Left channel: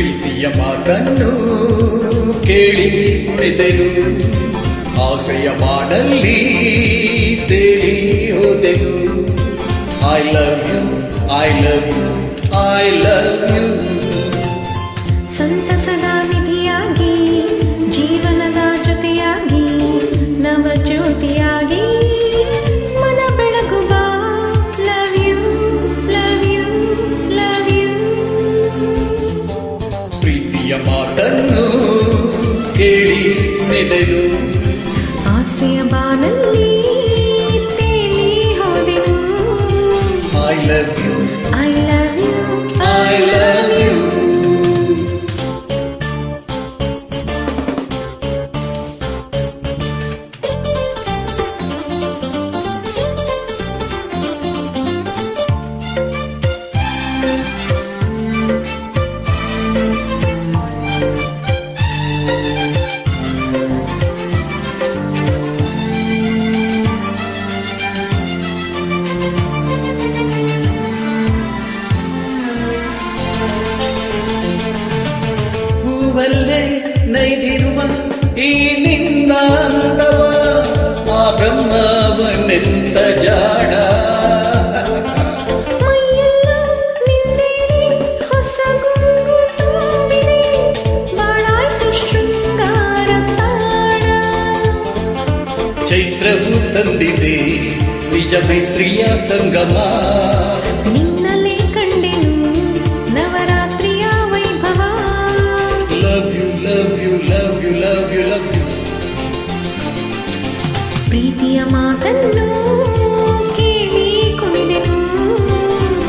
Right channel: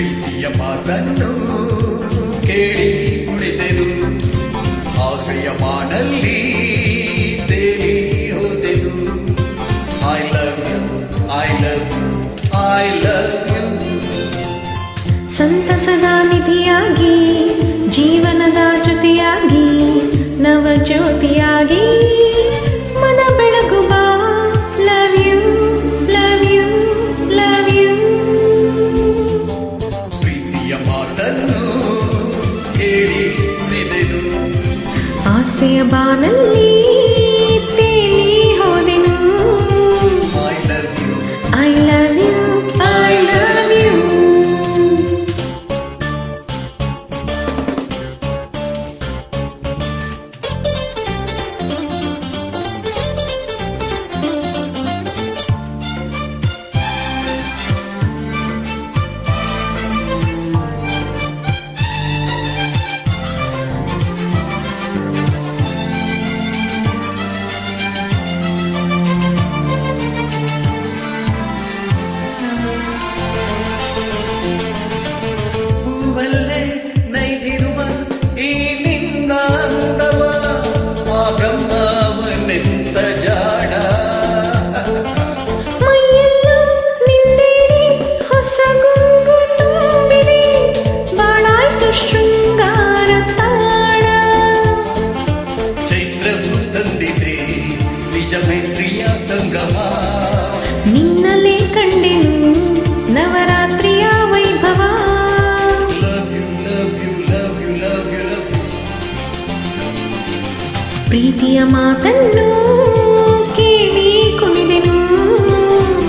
ಪ್ರೀತಿಯ ಮಾತನ್ನು ಕೇಳಿ ಕುಣಿದೆನು, ಆಸೆಯ ಬಾನಲ್ಲಿ ತೇಲಿ ಹೋದೆನು. I love you, I love you, I love you. ಸಂತಸದ ನಿಧಿಯಾಗಿ, ಜೀವನದ ಜೊತೆಯಾಗಿ, ನವ ಜ್ಯೋತಿಯಾಗಿ ಮನ ಬೆಳಗುವ. Love you, love you, love you. ಪ್ರೀತಿಯ ಮಾತನ್ನು ಕೇಳಿ ಕುಣಿದೆನು, ಆಸೆಯ ಬಾನಲ್ಲಿ ತೇಲಿ ಹೋದೆನು. I love you, I love you, I love you. ಹೂವಲ್ಲೇ ನೈದಿರುವ ಈ ನಿನ್ನ ಅಂದವ, ಆ ಬ್ರಹ್ಮವನೆಂತ ಜಾಡ. ಮೈಯೆಲ್ಲ ನಿಂದೇರಿ ಹೊಸ ಗುಂಗು ತುಂಬಿದೆ, ಬಾಳಾಯ್ತು ಶೃಂಗಾರ ತಾಣ. ಚೈತ್ರವು ತಂದಿದೆ ನಿಜ ಮೈತ್ರಿಯ ಸಂಗಮ, ನಿನ್ನಲೇ ಕಂಡೆನು ನವರಾತ್ರಿಯ ವೈಭವ. Love you, love you, love you, love you, love you. ಪ್ರೀತಿಯ ಮಾತನ್ನು ಕೇಳಿ ಕುಣಿದೆನು,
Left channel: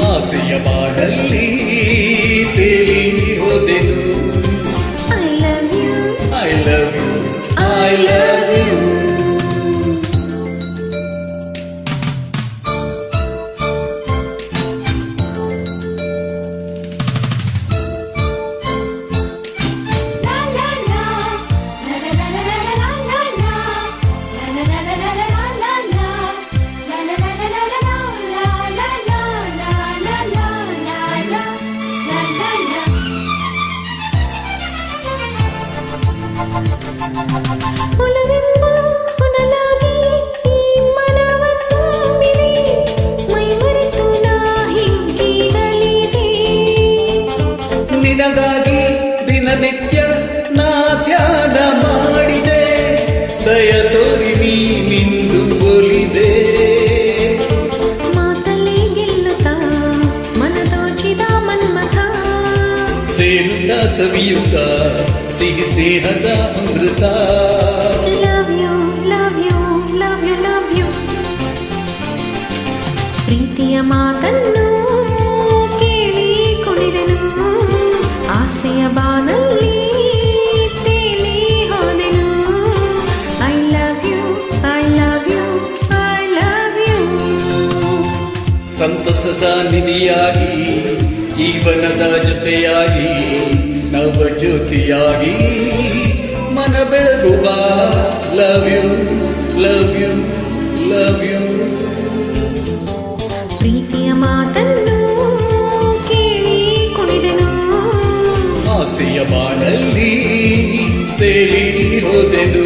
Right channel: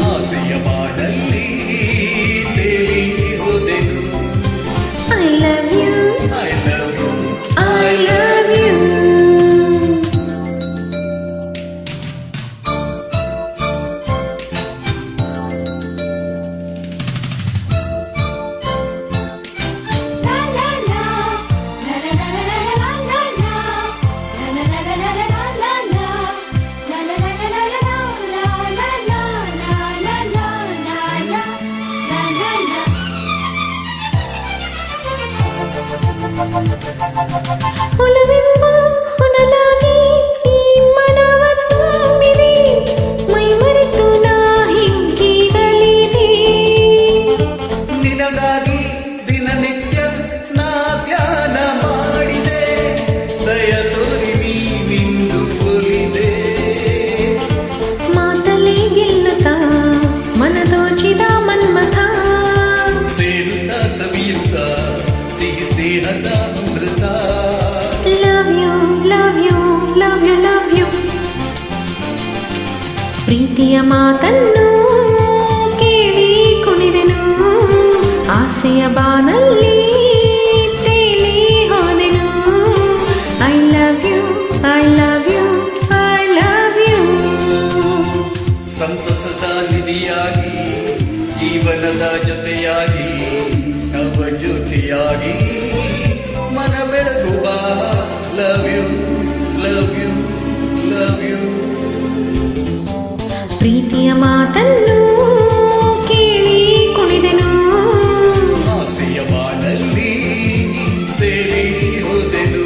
ಆಸೆಯ ಬಾಡಲ್ಲಿ ತೇಲಿ ಹೋದೆನು. I love you, I love you, I love you. ಒಲವೆಂಬ ಹೊನಲಾಗಿ ಈ ಮನವ ತುಂಬಿದೆ, ಮೈ ಮರೆತು ನಾ ಹಿಗ್ಗಿರಲಿದೆ. ನಿನಗಾಗಿ ದಿನನಿತ್ಯ ನಾ ಧ್ಯಾನ ಮಾಡಿದೆ, ದಯ ತೋರಿ ನೀನಿಂದು ಒಲಿದೆ. ಮಾತಲ್ಲಿ ಗೆಲ್ಲುತ್ತಾ ಮನದೋಚಿದ ಮನ್ಮಥ, ಸೇರುತ್ತಾ ಸವಿಯುತ್ತ ಸಿಹಿ ಸ್ನೇಹದ ಅಮೃತ. Love you, love you, love you, love you. ಪ್ರೀತಿಯ ಮಾತನ್ನು ಕೇಳಿ ಕುಣಿದೆನು, ಆಸೆಯ ಬಾನಲ್ಲಿ ತೇಲಿ ಹೋದೆನು. I love you, I love you, I love you. ಸಂತಸದ ನಿಧಿಯಾಗಿ, ಜೀವನದ ಜೊತೆಯಾಗಿ, ನವ ಜ್ಯೋತಿಯಾಗಿ ಮನ ಬೆಳಗುವ. Love you, love you, love you. ಪ್ರೀತಿಯ ಮಾತನ್ನು ಕೇಳಿ ಕುಣಿದೆನು, ಆಸೆಯ ಬಾನಲ್ಲಿ ತೇಲಿ ಹೋದೆನು.